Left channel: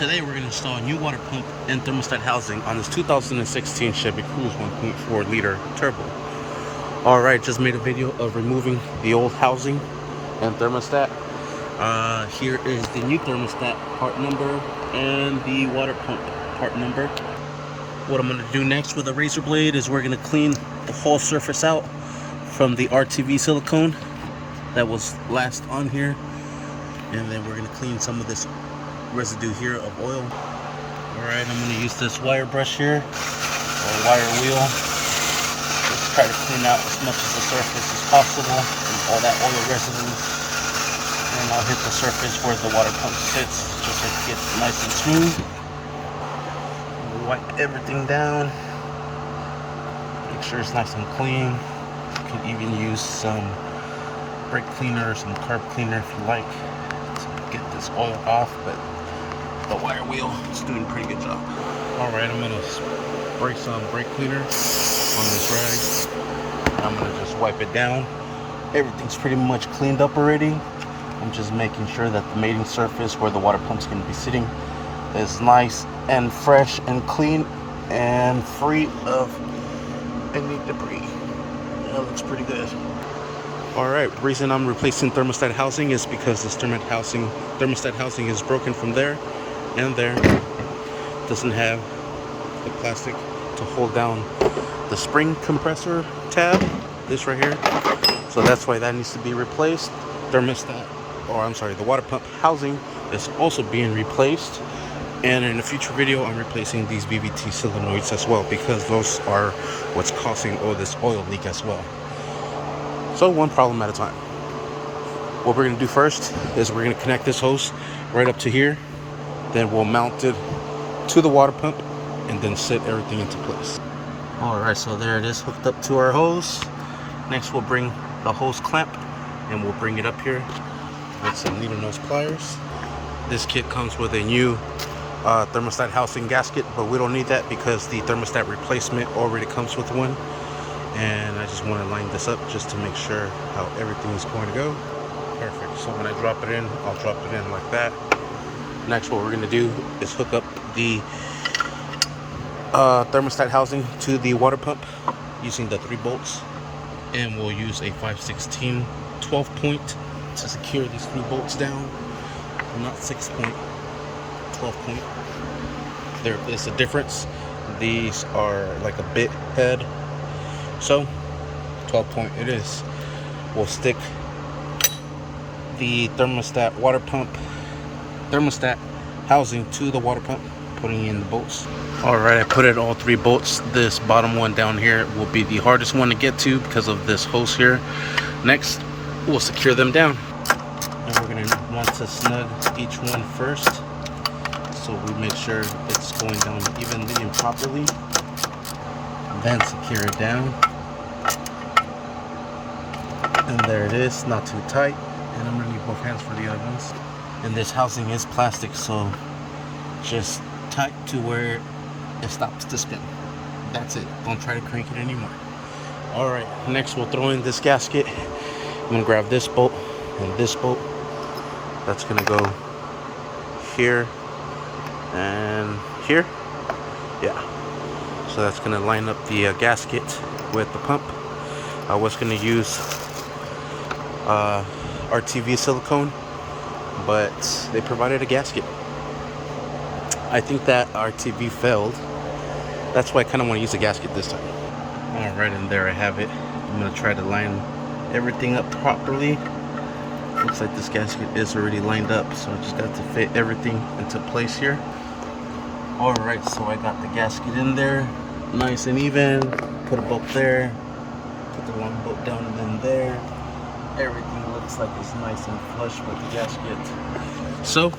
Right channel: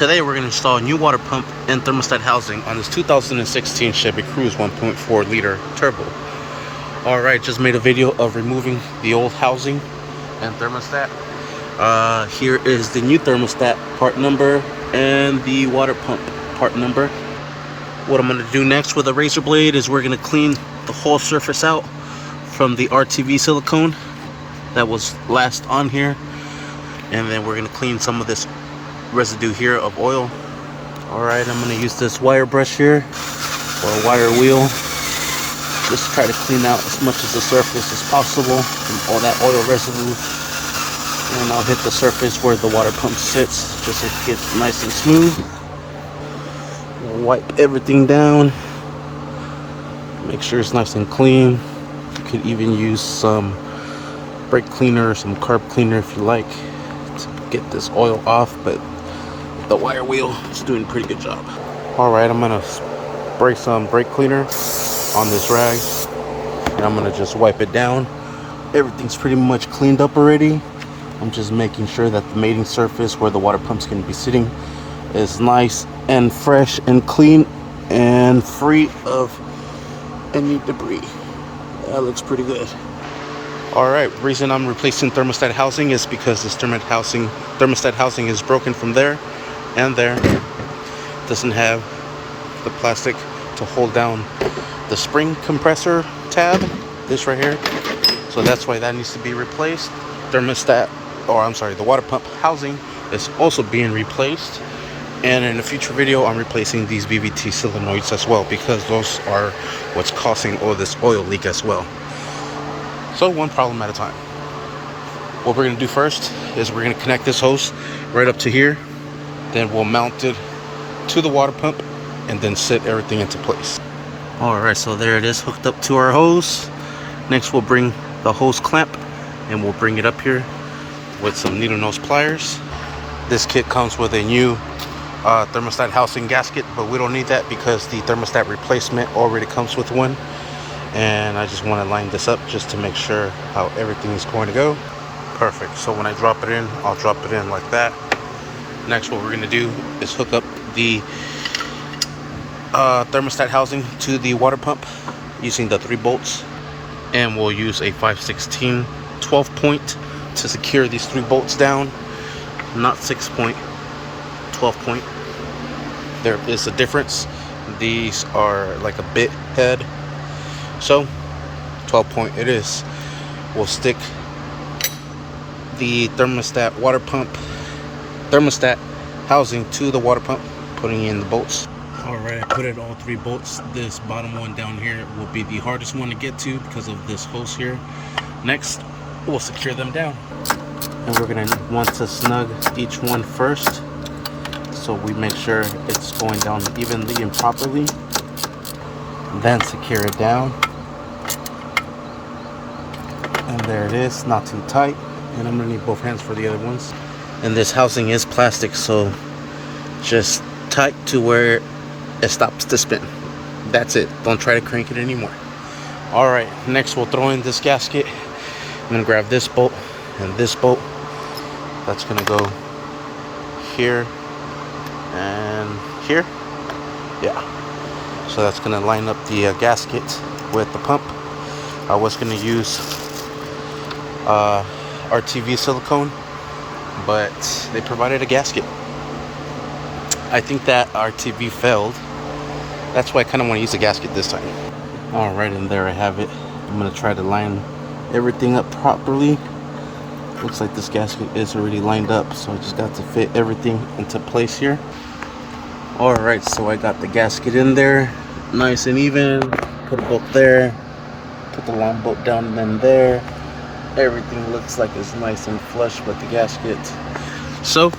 Today we're going to install a new water pump and thermostat housing on this 2016 Chevy Cruze 1.4 liter turbo. Alright, just made a video of removing the old housing and thermostat. Here is the new thermostat part number and the water pump part number. What I'm going to do next with a razor blade is we're going to clean the whole surface out from the RTV silicone that was last on here, and then we're going to clean some of this residue here of oil. Alright, I'm going to use this wire brush here, or a wire wheel, just try to clean out as much of the surface as possible from all that oil residue, and I'll hit the surface where the water pump sits just so it gets nice and smooth. Wipe everything down, make sure it's nice and clean. You could even use some brake cleaner or some carb cleaner if you like to get this oil off, but the wire wheel is doing a pretty good job. Alright, I'm gonna spray some brake cleaner on this rag and I'm gonna just wipe it down. Everything's pretty much cleaned up already. I'm just making sure that the mating surface where the water pump's gonna be sitting is nice and fresh and clean and free of any debris. That looks pretty good. Alright, reason I'm replacing thermostat housing is because this thermostat housing is broken from there and there. Doesn't have the plastic to hold down the spring compressor tab, this right here. So that's why that needs to be replaced. The water pump housing is also being replaced. And in a future video, I'm replacing these VVT solenoids as well, because those are what's causing all this oil leak as well. So one problem at a time. What we're going to do first is we're going to connect this hose right up to here. Then we'll mount it to the water pump and then set everything into place. Alright, so there it is hooked up to our hose. Next we'll bring the hose clamp and we'll bring it up here with some needle nose pliers. This kit comes with a new thermostat housing gasket, but we don't need that because the thermostat replacement already comes with one. And I just want to line this up just to make sure how everything is going to go. Perfect. So when I drop it in, I'll drop it in like that. Next, what we're going to do is hook up the thermostat housing to the water pump using the 3 bolts, and we'll use a 5/16 12 point to secure these 3 bolts down, not 6 point, 12 point. There is a difference. These are like a bit head, so 12 point it is. We'll stick the thermostat housing to the water pump, putting in the bolts. Alright, I put in all 3 bolts. This bottom one down here will be the hardest one to get to because of this hose here. Next, we'll secure them down. And we're going to want to snug each one first, so we make sure it's going down evenly and properly. Then secure it down. And there it is, not too tight. And I'm going to need both hands for the other ones. And this housing is plastic, so just tight to where it stops to spin. That's it. Don't try to crank it anymore. Alright, next we'll throw in this gasket. I'm going to grab this bolt and this bolt. That's going to go here and here. Yeah. So that's going to line up the gasket with the pump. I was going to use RTV silicone, but they provided a gasket. I think that RTV failed. That's why I kind of want to use a gasket this time. Alright, and there I have it. I'm going to try to line everything up properly. Looks like this gasket is already lined up, so I just got to fit everything into place here. Alright, so I got the gasket in there, nice and even. Put a bolt there, put the long bolt down and then there. Everything looks like it's nice and flush with the gasket. So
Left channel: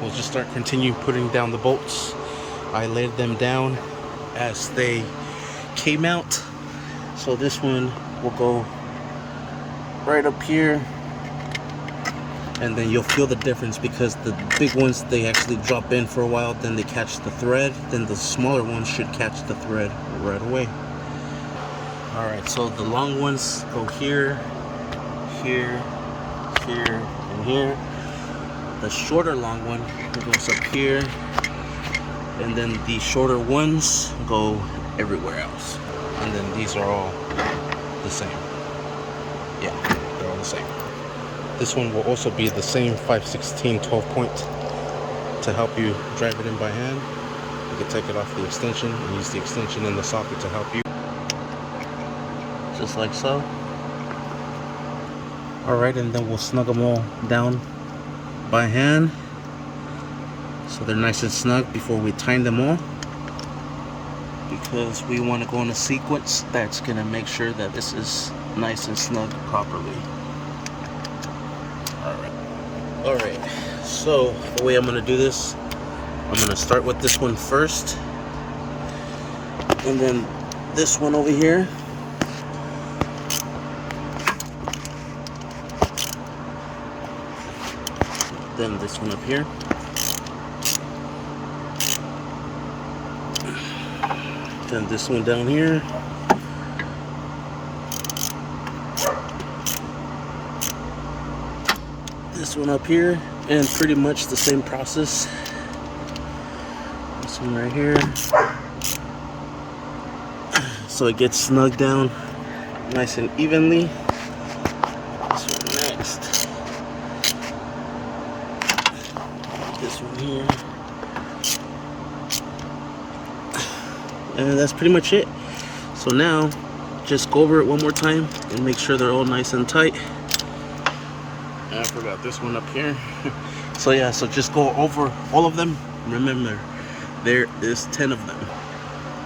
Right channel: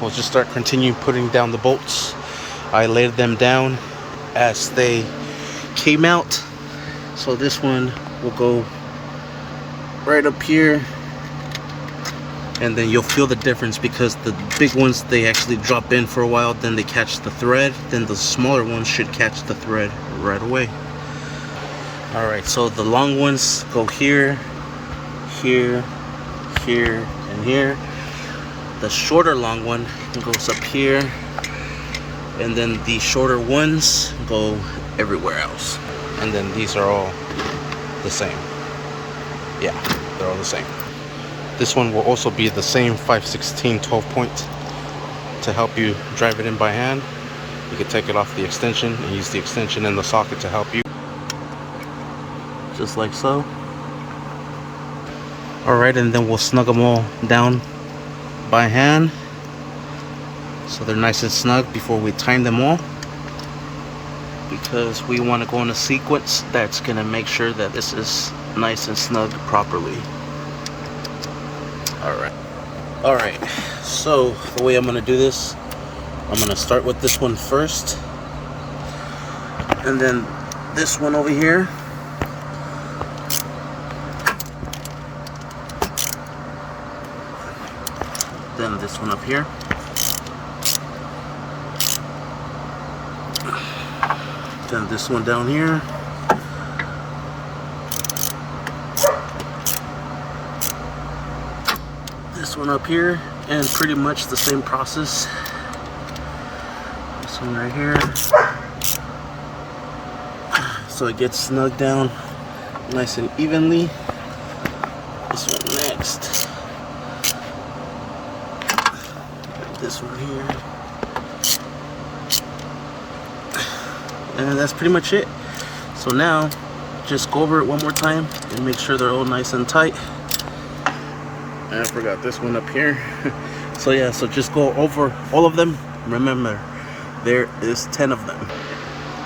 we'll just continue putting down the bolts. I laid them down as they came out. So this one will go right up here, and then you'll feel the difference because the big ones, they actually drop in for a while, then they catch the thread, then the smaller ones should catch the thread right away. Alright, so the long ones go here, here, here, and here. The shorter long one goes up here, and then the shorter ones go everywhere else. And then these are all the same. Yeah, they're all the same. This one will also be the same 5/16 12 point to help you drive it in by hand. You can take it off the extension and use the extension in the socket to help you. Just like so. Alright, and then we'll snug them all down by hand so they're nice and snug before we tighten them all, because we want to go in a sequence that's going to make sure that this is nice and snug properly. Alright, so the way I'm going to do this, I'm going to start with this one first, and then this one over here, then this one up here, then this one down here, this one up here, and pretty much the same process. This one right here, so it gets snug down nice and evenly. This one next, this one here, and that's pretty much it. So now just go over it one more time and make sure they're all nice and tight. And I forgot this one up here. So yeah, so just go over all of them. Remember, there is 10 of them.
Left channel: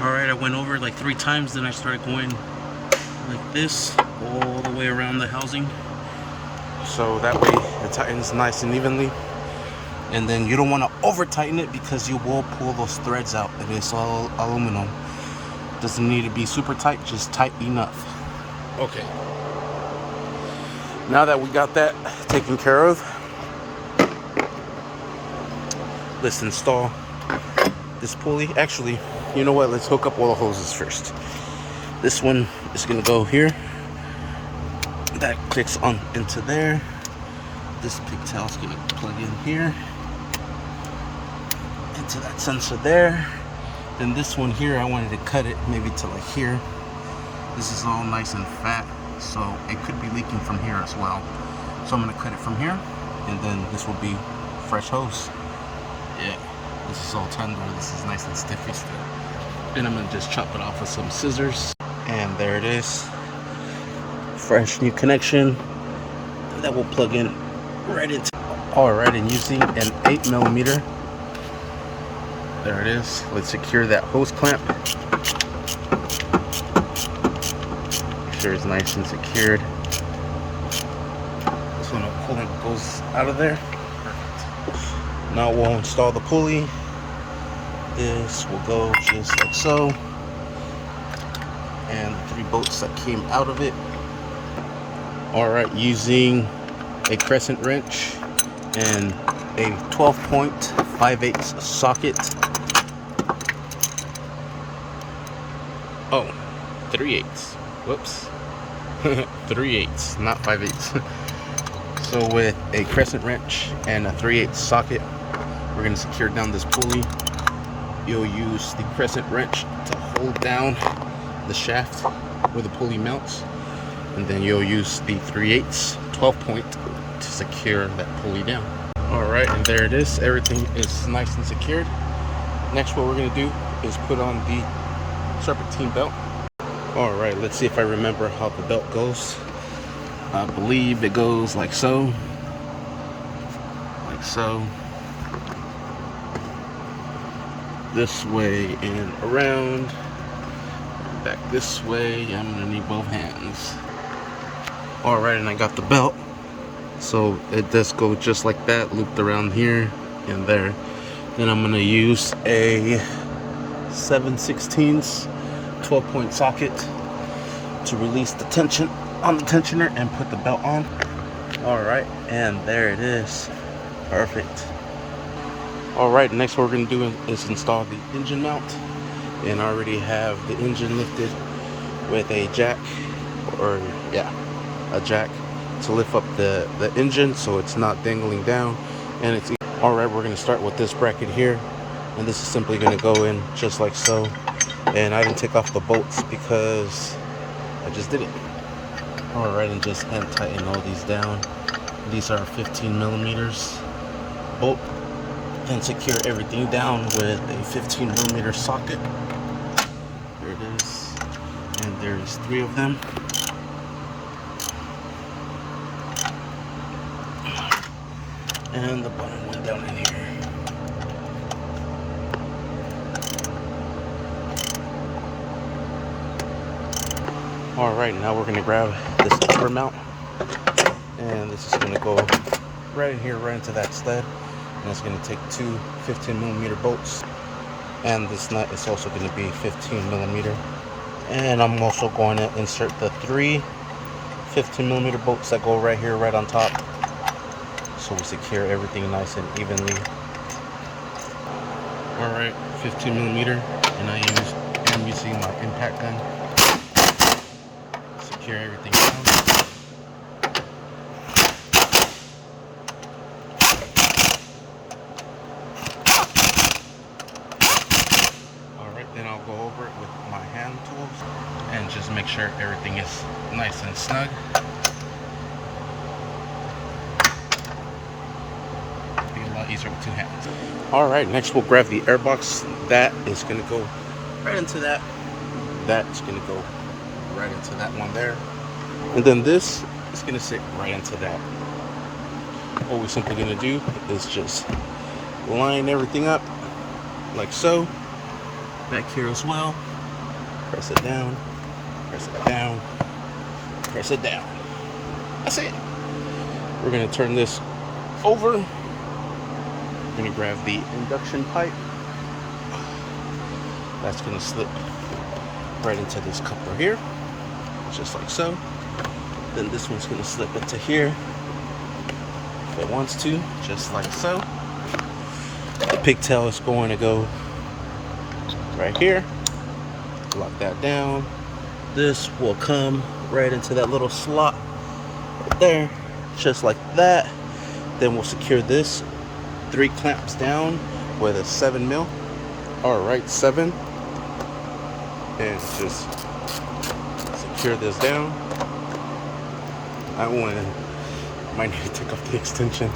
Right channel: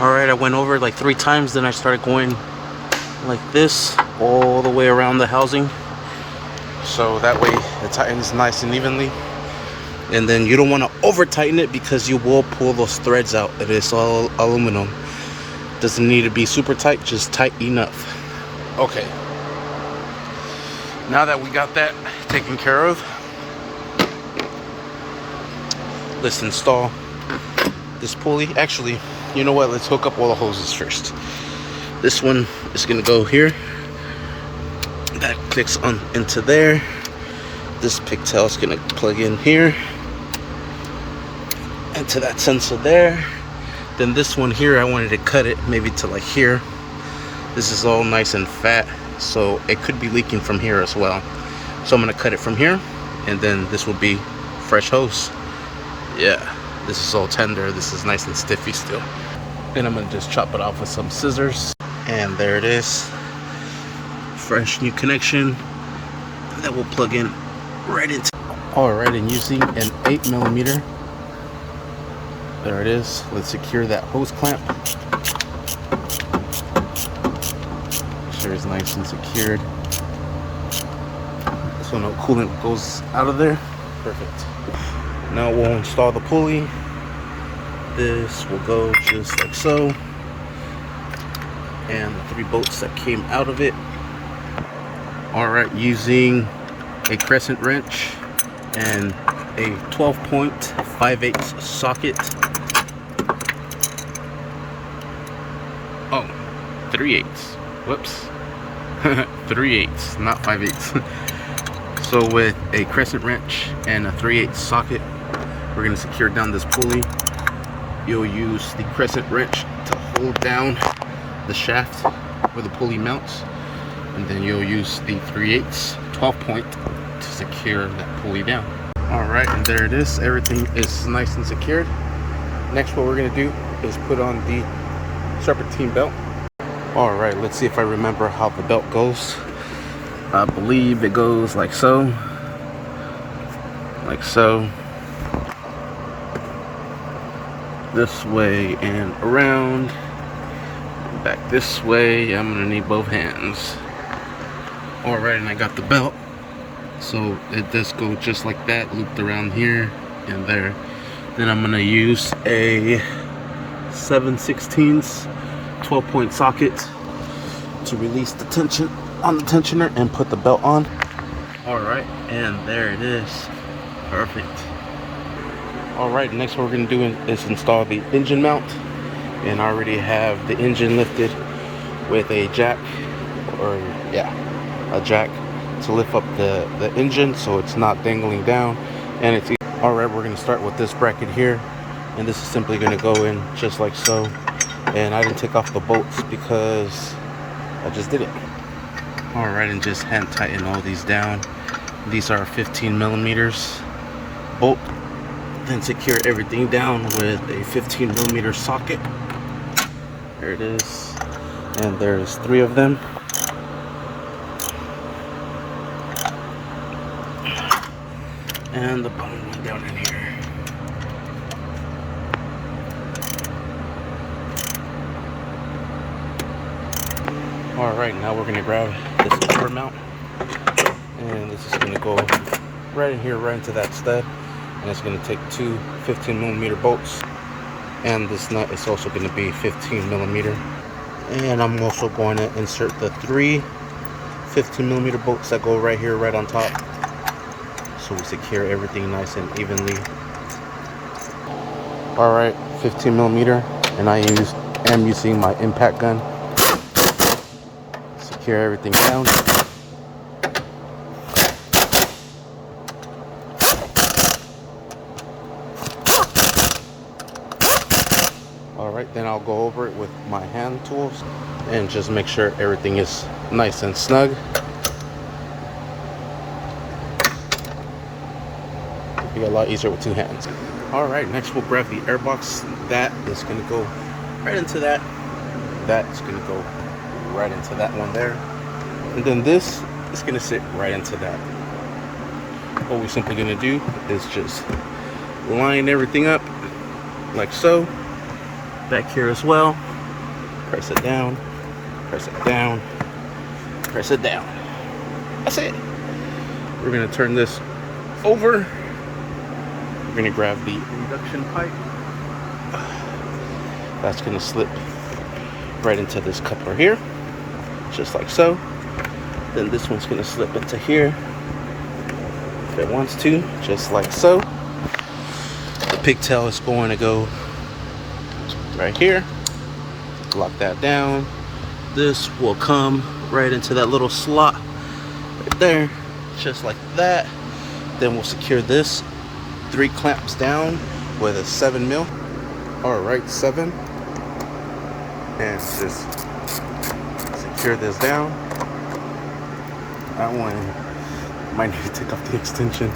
Alright, I went over it like 3 times, then I started going like this all the way around the housing, so that way it tightens nice and evenly. And then you don't want to over tighten it because you will pull those threads out. It is all aluminum. Doesn't need to be super tight, just tight enough. Okay, now that we got that taken care of, let's install this pulley. Actually, you know what, let's hook up all the hoses first. This one is gonna go here, that clicks on into there. This pigtail is gonna plug in here into that sensor there. Then this one here, I wanted to cut it maybe to like here. This is all nice and fat, so it could be leaking from here as well. So I'm gonna cut it from here, and then this will be fresh hose. Yeah, this is all tender. This is nice and stiffy still. Then I'm gonna just chop it off with some scissors, and there it is. Fresh new connection that will plug in right into. Alright, and using an 8mm, there it is. Let's secure that hose clamp. Make sure it's nice and secured. So no coolant goes out of there. Perfect. Now we'll install the pulley. This will go just like so, and the 3 bolts that came out of it. Alright, using a crescent wrench and a 12-point 5/8 socket. Oh, 3/8. Whoops. 3/8, not 5/8. So with a crescent wrench and a 3/8 socket, we're going to secure down this pulley. You'll use the crescent wrench to hold down the shaft where the pulley mounts, and then you'll use the 3/8 12-point to secure that pulley down. Alright, and there it is. Everything is nice and secured. Next, what we're going to do is put on the serpentine belt. Alright, let's see if I remember how the belt goes. I believe it goes like so. Like so. This way and around. Back this way. I'm going to need both hands. Alright, and I got the belt. So it does go just like that, looped around here and there. Then I'm going to use a 7/16 12-point socket to release the tension on the tensioner and put the belt on. Alright, and there it is. Perfect. Alright, next what we're going to do is install the engine mount. And I already have the engine lifted with a jack, or yeah, a jack to lift up the engine so it's not dangling down. and it's all right. We're going to start with this bracket here, and this is simply going to go in just like so. And I didn't take off the bolts because I just did it. All right, and just hand tighten all these down. These are 15 millimeters bolt, and secure everything down with a 15 millimeter socket. There it is, and there's 3 of them. And the bottom one down in here. All right, now we're gonna grab this upper mount, and this is gonna go right in here, right into that stud, and it's gonna take 2 15 millimeter bolts, and this nut is also gonna be 15 millimeter. And I'm also going to insert the 3 15 millimeter bolts that go right here, right on top, so we secure everything nice and evenly. All right, 15 millimeter, and I am using my impact gun. Secure everything down. All right, then I'll go over it with my hand tools and just make sure everything is nice and snug. It'll be a lot easier with 2 hands. All right, next we'll grab the air box. That is going to go right into that. That's going to go right into that one there, and then this is going to sit right into that. What we're simply going to do is just line everything up like so. Back here as well, press it down, press it down, press it down. That's it. We're going to turn this over. We're going to grab the induction pipe. That's going to slip right into this coupler here, just like so. Then this one's going to slip into here if it wants to, just like so. The pigtail is going to go right here. Lock that down. This will come right into that little slot right there, just like that. Then we'll secure this 3 clamps down with a 7 mil. All right, 7, and just secure this down. That one I might need to take off the extension,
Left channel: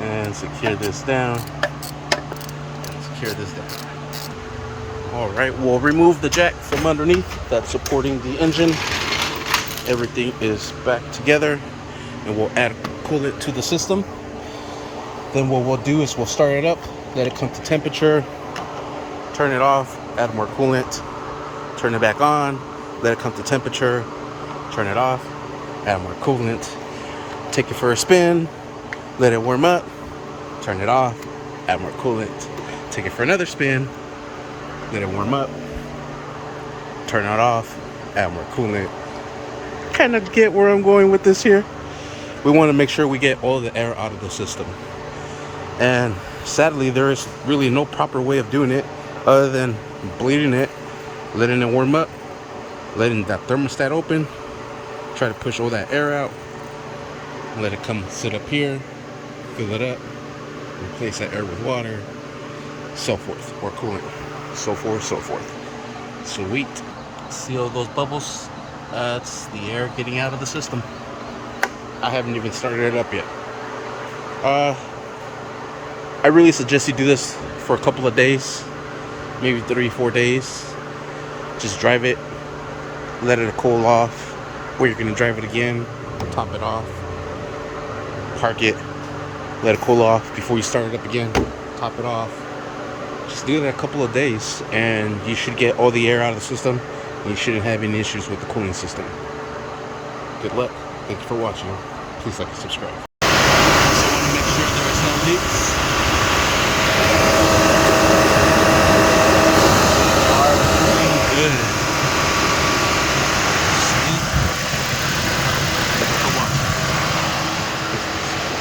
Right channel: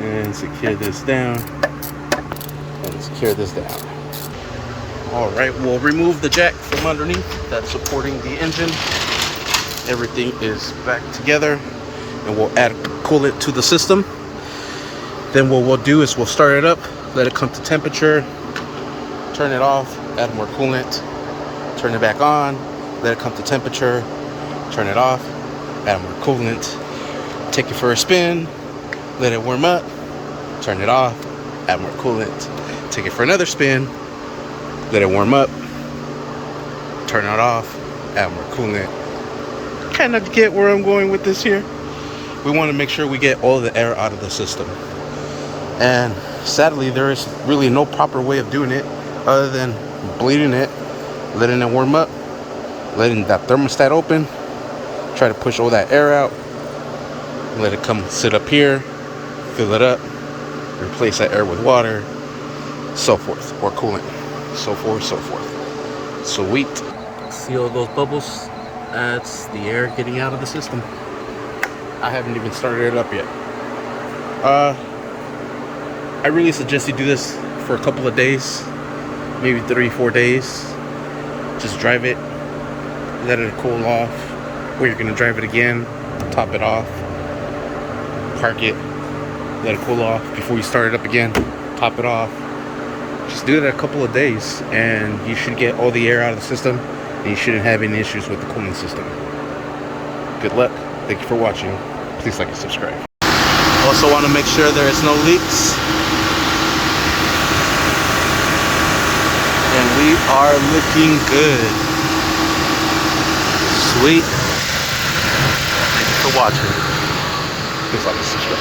and secure this down, and secure this down. All right, we'll remove the jack from underneath that's supporting the engine. Everything is back together, and we'll add coolant to the system. Then what we'll do is we'll start it up, let it come to temperature, turn it off, add more coolant, turn it back on, let it come to temperature, turn it off, add more coolant, take it for a spin, let it warm up, turn it off, add more coolant, take it for another spin, let it warm up, turn it off, add more coolant. Kind of get where I'm going with this here. We want to make sure we get all the air out of the system. And sadly, there is really no proper way of doing it other than bleeding it, letting it warm up, letting that thermostat open, try to push all that air out, let it come sit up here, fill it up, replace that air with water, so forth, or coolant, so forth, so forth. Sweet. See all those bubbles? That's the air getting out of the system. I haven't even started it up yet. I really suggest you do this for a couple of days, maybe 3-4 days. Just drive it, let it cool off, or you're gonna drive it again, top it off, park it, let it cool off before you start it up again, top it off. Just do it a couple of days and you should get all the air out of the system, and you shouldn't have any issues with the cooling system. Good luck. Thank you for watching. Please like and subscribe. Also want to make sure there is no leaks. And we are looking good. Sweet. Thank you for watching. Please like and subscribe.